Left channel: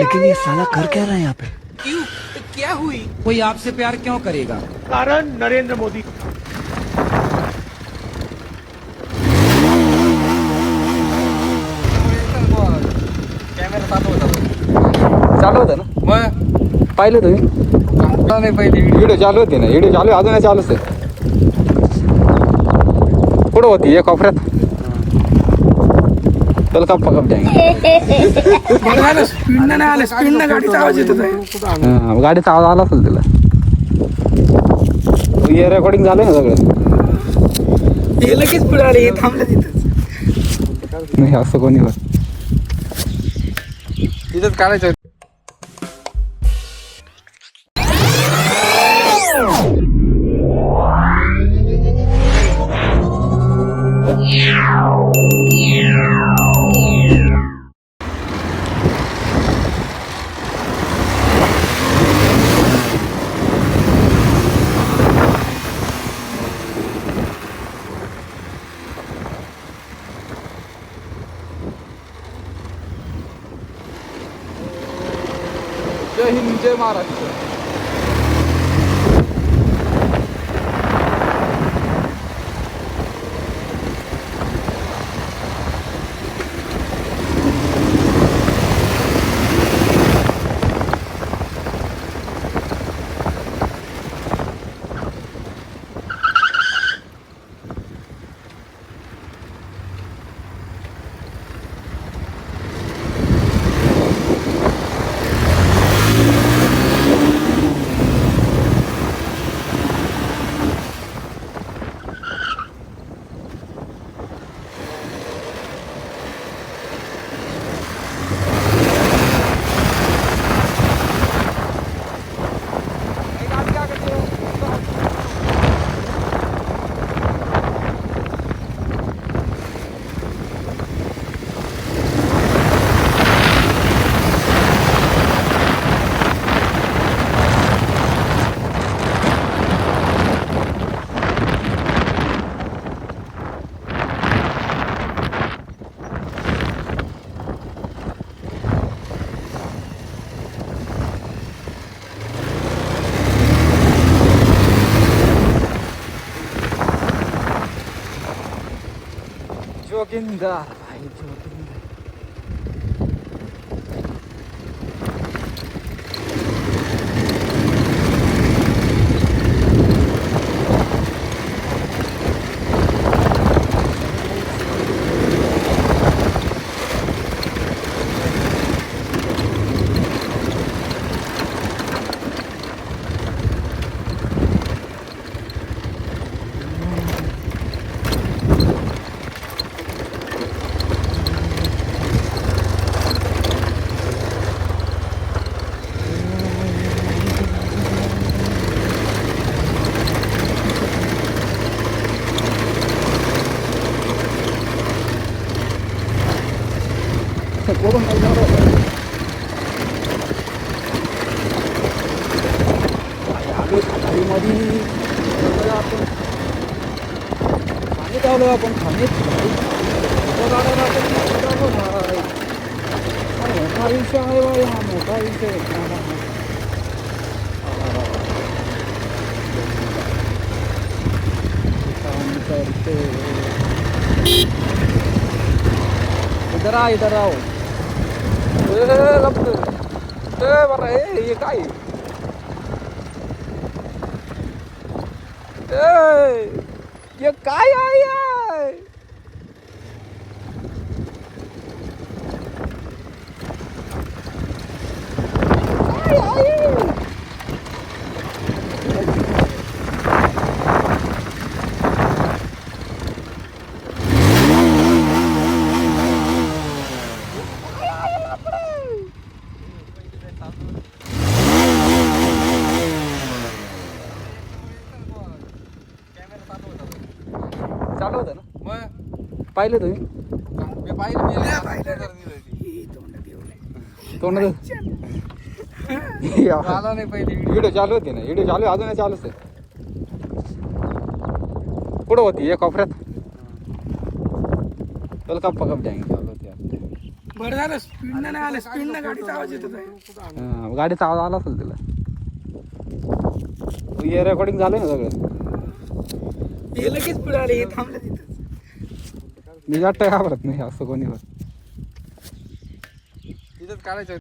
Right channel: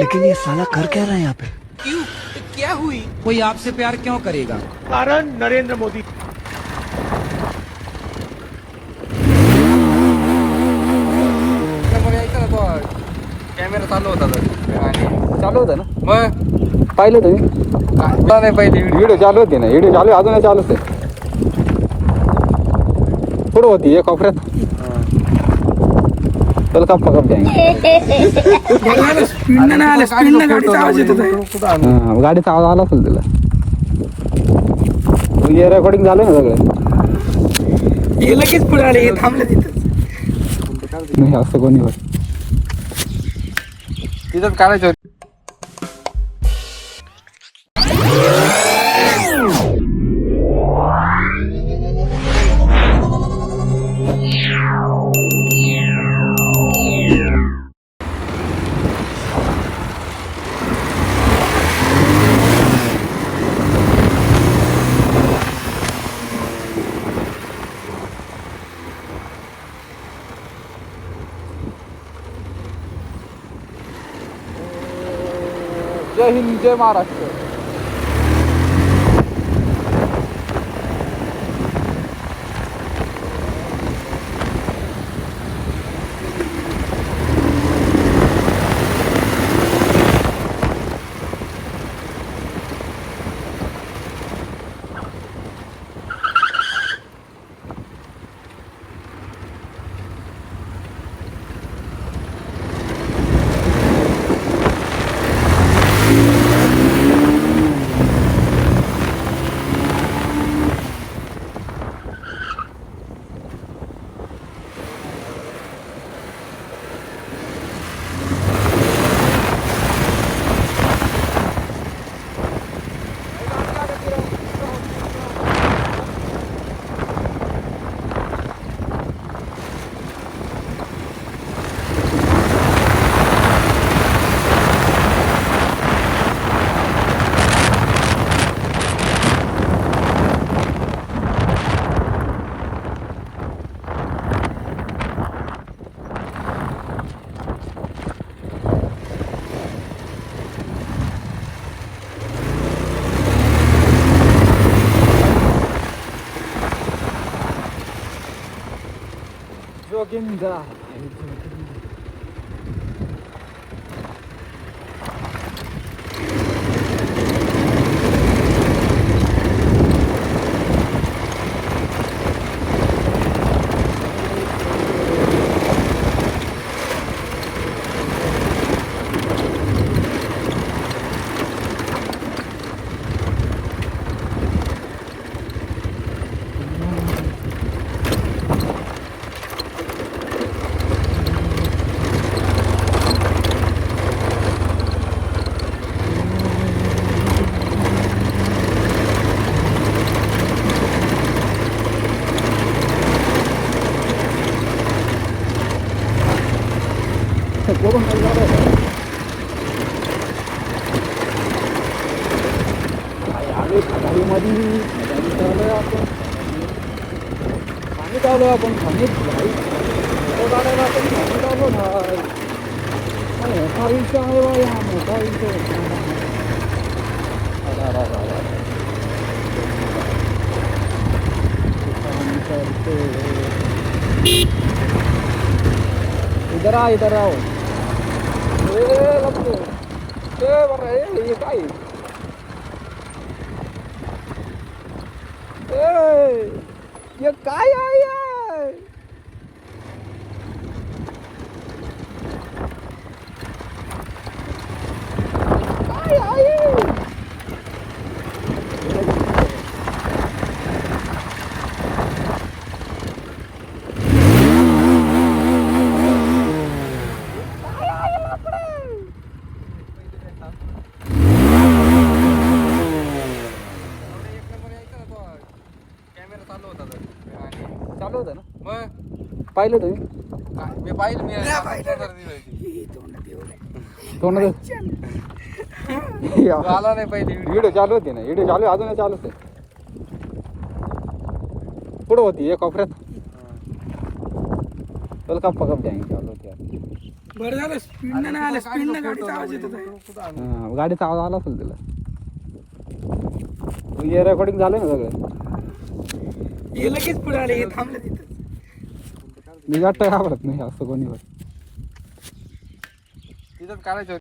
लेकिन ये साला कर क्या रहा है यहाँ पे? क्यों? क्या हुई? कोई आपसे प्यार क्यों करेगा? कारण नरेंद्र मोदी। कॅमेरा चालू होता चालू होतं ना मग पाहिलं तुम्ही नाही पाहिजे व्हिडिओ चालू होते ना व्हिडिओ चालू आहे, अजूनही चालूच आहे. कुठं होती एक कोपऱ्यात चल कप कप स्पीडनं नाही आले, स्पीडनं गाडीचा आवाज येत आहे. गाडीचा आवाज आला असेल तिला. हे रेकॉर्डिंग झालं ना सगळं. हे लगेच पुढे आले, हे थांबलं तिथं. नाही असं कोणी होत तिथंच काढायचं होतं. जय हिंद जय महाराष्ट्र. जोगिंदर भाई जोगिंदर. कोण नाही जाणार आलो खाटारीमध्ये आपण पाणी चालू आपण खाणीत भाई गाड्याला आपण पाणी चालू भाई. मोठा विषय आहे भाई, हा मोठा विषय. इधर आ इधर आओ. लपतो बरं हे काय ये काय आहे. काय आहे चालू होतं ना मग पाहिलं तुम्ही मी पाहिलं तोंड आला नाही पाहिजे व्हिडिओ चालू होते ना व्हिडिओ चालू आहे, अजूनही चालूच आहे. कुठं होती एक कोपऱ्यात चल कप कप चालू होती. बरं झालं स्पीडनं नाही आलं, स्पीडनं गाडीचा आवाज येत होता. हा, गाडीचा आवाज आला असेल तिला. हे रेकॉर्डिंग झालंय ना सगळं. हे लगेच पुढे आले, हे थांबलं तिथं. मी वाटतं घाबरत नाही असं कोणी. तिथंच काढायचं